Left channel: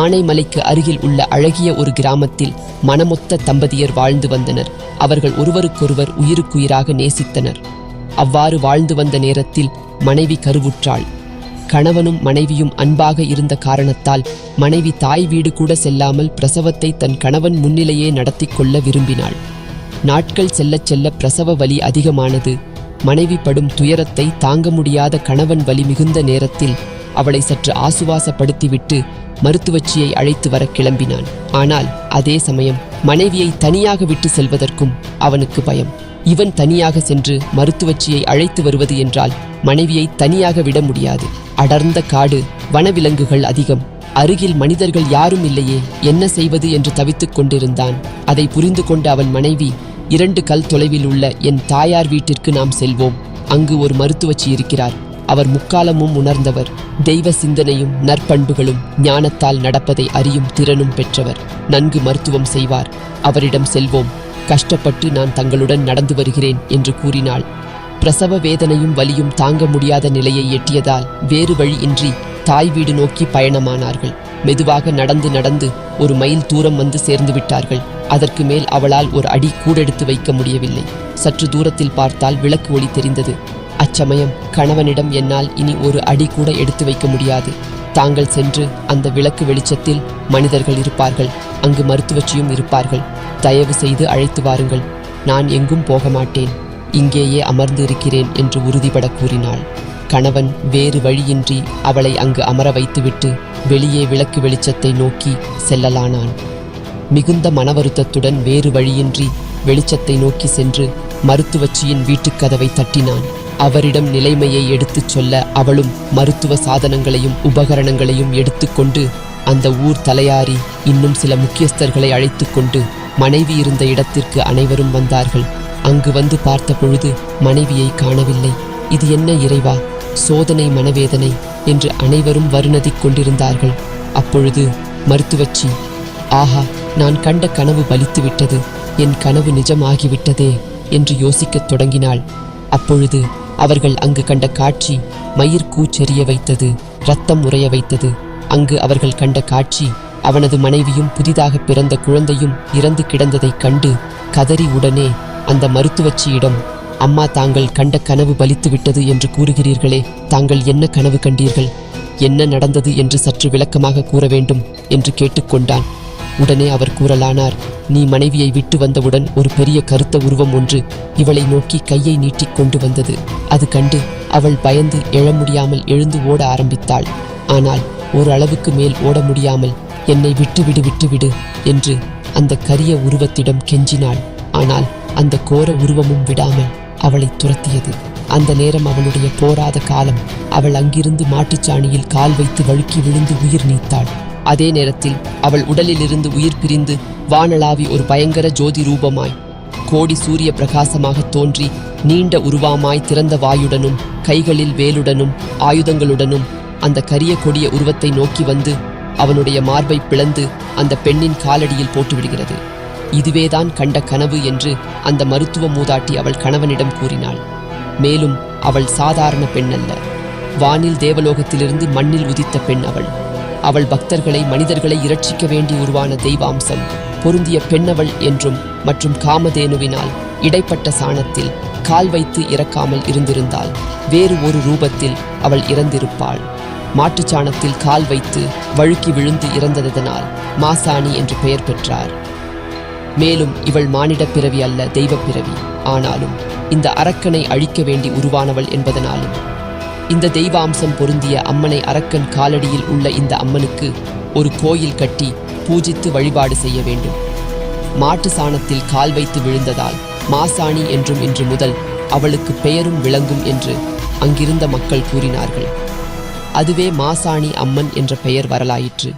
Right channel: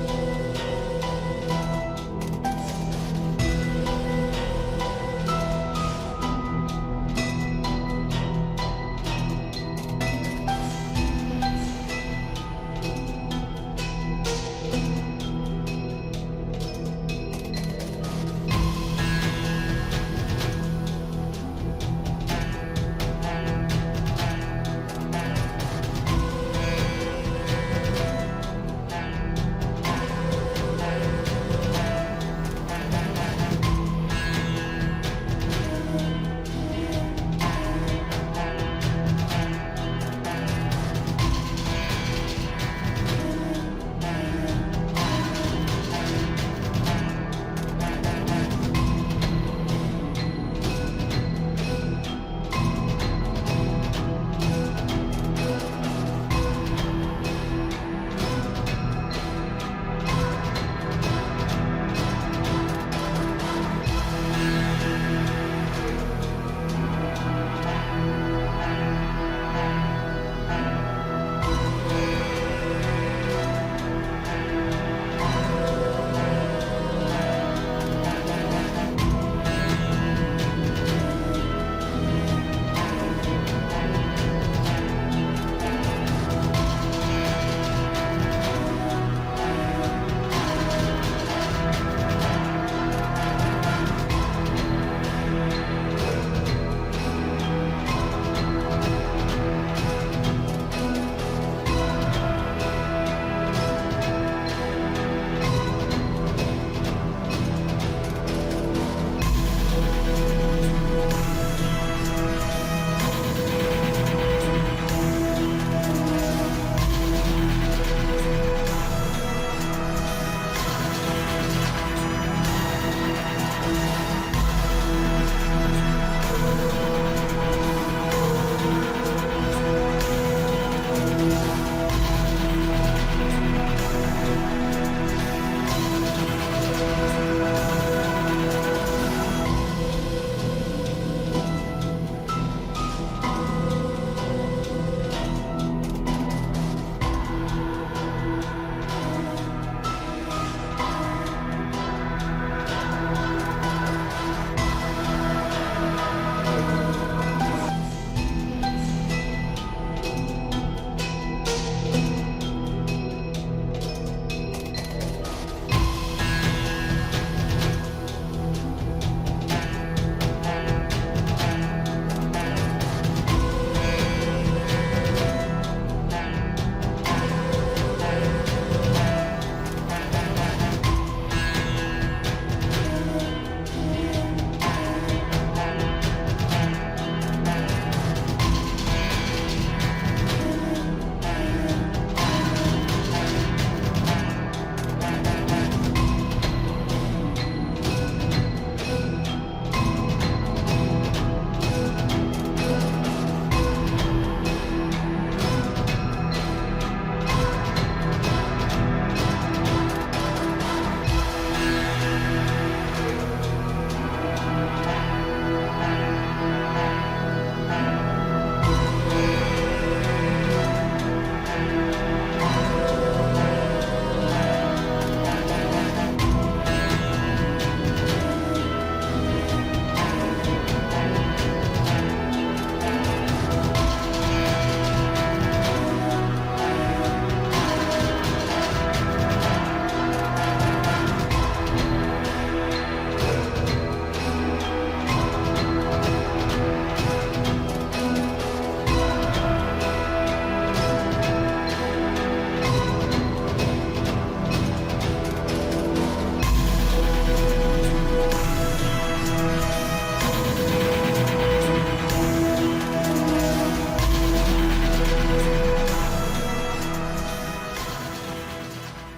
ஆனைமலைக்கு அருகில் உள்ள அழகிய ஒரு கிராமத்தில் மனமொத்த தம்பதியர் வாழ்ந்து வந்தனர். அவர்கள் ஒருவருக்கொருவர் உயிருக்குயிராக நேசித்தனர். அவ்வாறு வாழ்ந்து வந்த நேரத்தில் மனைவி கருவுற்றாள். கணவனும் மனைவியும் அன்பாக இருந்த காரணத்தால் மனைவி தாய் வீடு கூட செல்லாமல் பிரசவத்தை தன் கணவன் முன்னிலையே நடத்தி கொள்ள விரும்பினாள். நாட்கள் செல்லச் செல்ல பிரசவ வலி அதிகமானது. மனைவி படும் துயரத்தை தாங்க முடியாத கணவன் வலி மிகுந்த நேரத்தில் அவளை சற்று ஆசுவாசப்படுத்திவிட்டு மருத்துவச்சியை அழைத்து வர கிளம்பினான். ஆனால் அதே சமயம் மனைவியை தனியாக விட்டு செல்வதற்கும் அவனுக்கு பயம். இவன் தனியாக சென்று மருத்துவச்சியை அழைத்து வருவது என்றால் மனைவியை தனியாக விட முடியாது. அடர்ந்த காடு வனவிலங்குகள் அதிகம். அருகில் மனிதர்கள் யாரும் இல்லையே என்ன செய்வது என்று தவித்துக் கொண்டிருந்தான். அதை புரிந்து கொண்ட அவன் மனைவி இரண்டு கல் தொலைவில் உள்ள என் தாயார் வீட்டிற்கு நாம் செல்வோம். அங்கு ஒரு மருத்துவச்சி இருக்கிறார். அவர் முக்காலமும் உணர்ந்தவர். தெய்வ சிந்தனையும் நற்பண்புகளும் ஞானத்தால் நடப்பதை அறியும் திறனும் பெற்றவர். நன்கு மருத்துவம் செய்வார். அவரிடம் செல்வோம். கஷ்டப்பட்டு நான் தங்களுடன் நடந்து வருகிறேன் என்று கூறினாள். பிரசவ வேதனையும் வலியும் தாங்க முடியாத நிலையை எட்டியதால் வேறு வழியின்றி தாய் வீடு நோக்கி பயணமானார்கள். மெதுவாக நடந்து நடந்து ஒரு மைல் தூரம் வந்து சேர்ந்து விட்டார்கள். அதற்கு மேல் அவளால் ஒரு அடி கூடெடுத்து வைக்க முடியவில்லை. சற்று தூரத்தில் பார்த்தால் விளக்கு ஒளி தெரிந்தது. அச்சமயம் கணவனிடம் என்னால் இனி ஒரு அடி கூட எடுத்து வைக்க முடியாது. தாங்கள் சென்று அந்த விளக்கு வெளிச்சத்தில் மனிதர்கள் இருப்பார்கள். அங்கு மருத்துவச்சியும் இருப்பார்கள். தயவு செய்து அழைத்து வாருங்கள். நான் எங்கும் போக மாட்டேன். இங்கேயே அமர்ந்து இருக்கிறேன் என்று உறுதிபட கூறினாள். கணவன் வேறு வழியின்றி அவளை அங்கு அமர வைத்துவிட்டு வெளியே விளக்கு வெளிச்சத்தை நோக்கி செல்லலானான். மிகுந்த மனவருத்தத்துடன் வேறு வழியின்றி வெளிச்சத்தை நோக்கி சென்று மருத்துவச்சியின் வீட்டுக் கதவை தட்டினான். அவரிடம் நிலைமையை எடுத்துச் சொல்ல அவளும் மருத்துவ சாதனங்களையும் உபகரணங்களையும் எடுத்துக்கொண்டு அந்த ஊர் தலையாரி இன்னும் சில முக்கியஸ்தர்களை அழைத்துக்கொண்டு மனைவி இருந்த இடத்திற்கு அனைவரும் வந்தார்கள். அங்கு வந்து பார்த்த பொழுது மனைவியை காணவில்லை. இது என்ன இறைவா? சோதனை மனவேதனை என்று அனைவரும் வருணதிக் கொண்டிருந்தார்கள். அப்பொழுது மருத்துவச்சி ஆஹா நான் கண்ட கனவு பலித்து விட்டது என் கனவு நிஜமாகிவிட்டதே என்று யோசிக்கத் தொடங்கினாள். அப்பொழுது அவர்கள் அங்கு கண்ட காட்சி மயிர் கூச்செறிய வைத்தது ரத்தம் உறைய வைத்தது. அங்கு அவர்கள் கண்ட காட்சி அவனது மனைவியும் புதிதாக பிறந்த குழந்தையும் இறந்து கிடந்ததைக் கண்டு கதறி உடனே அந்த மருத்துவச்சியிடம் அம்மா தாங்கள் கண்ட கனவு பலித்துவிட்டது என்று கூறுகிறீர்களே தாங்கள் என்ன கனவு கண்டீர்கள்? என்ன நடந்தது? என்று சற்று விளக்கமாக கூற வேண்டும் என்று கேட்டுக்கொண்டான் உடனே அவர் கூறலானார் நீ மனைவியை விட்டு வந்தவுடன் ஒரு பெரிய கருத்த உருவம் ஒன்று இவளை நோக்கி கையை நீட்டிக் கொண்டு வந்தது. அது கண்டு அவள் பயந்து எழ முடியாமல் எழுந்து ஓட ஆரம்பித்தாள். ஆனால் ஓரளவுக்கு மேல் ஓட முடியாமல் என்னை விட்டுவிடு விட்டுவிடு என்று அந்த கரிய உருவத்திடம் கெஞ்சினாள். ஆனால் அந்த கோர உருவமும் விடாமல் அவளை துரத்தியது. அந்த நேரம் அவளுடைய போராத காலம் அவள் அங்கிருந்து மாட்டுச்சாணியில் கால் வைத்து வழுக்கி விழுந்து உயிர் நீத்தாள். அதே நேரத்தில் அவள் உடலிலிருந்து உயிர் பிரிந்து வானளாவி ஒரு பயங்கர ஜோதி ரூபமாய் கோடி சூரிய பிரகாசமாக தோன்றி நீண்ட உருவாமாய் திறந்த வாயுடனும் கைகளில் வேலுடனும் ஆயுதங்களுடனும் அந்த கரிய கொடிய உருவத்தை நோக்கி வந்து அவனுடைய மார்பை பிளந்து அந்த பெண்ணின் காலடியில் போட்டுவிடுகிறது. இதுவேதான் கண்ட கனவு என்று அந்த மருத்துவ மூதாட்டி அவள் கணவனிடம் கூறினாள். மேலும் அவள் சாதாரண பெண் அல்ல வானில் தேவலோகத்திலிருந்து மண்ணில் உதித்த பெண் அவள். அவள் பக்தர்களை மனிதர்களை இரட்சிக்க வேண்டி உருவான தெய்வாம்சம் பொருந்திய பெண்ணவள் என்றும் மற்றும் காமதேனுவினால் இடைப்பட்ட சாணத்தில் கால் வைத்து இறக்காமல் இருந்திருந்தால் வேறு ஒரு ரூபத்தில் அவள் இறந்திருப்பாள். மாட்டுச் சாணத்தில் கால் வைத்து வழுக்கி விழுந்து இறந்ததனால் மாசாணி என்று பெயர் பெற்றார். மேலும் இவள் மானிட பிறவி அல்ல தெய்வ பிறவி. ஆனாலும் இந்த அரக்கனை அழிக்க வேண்டி உருவானவள் என்பதனாலும் இந்த தெய்வாம்சம் பொருந்திய அம்மனை அரக்கன் காலடியில் உள்ள இந்த அம்மனுக்கு ஒரு கோயில் கட்டி பூஜித்து வழிபாடு செய்ய வேண்டும். மாட்டு சாணத்தில் கால் வைத்து விழுந்ததால் மாசாணி என்றும் இன்று முதல் அவளுக்கு பெயரும் விளங்கும் என்று அங்கிருந்த மக்கள் கூறினார்கள். அதுவே மாசாணி அம்மன் என்ற பெயர் வரலாயிற்று.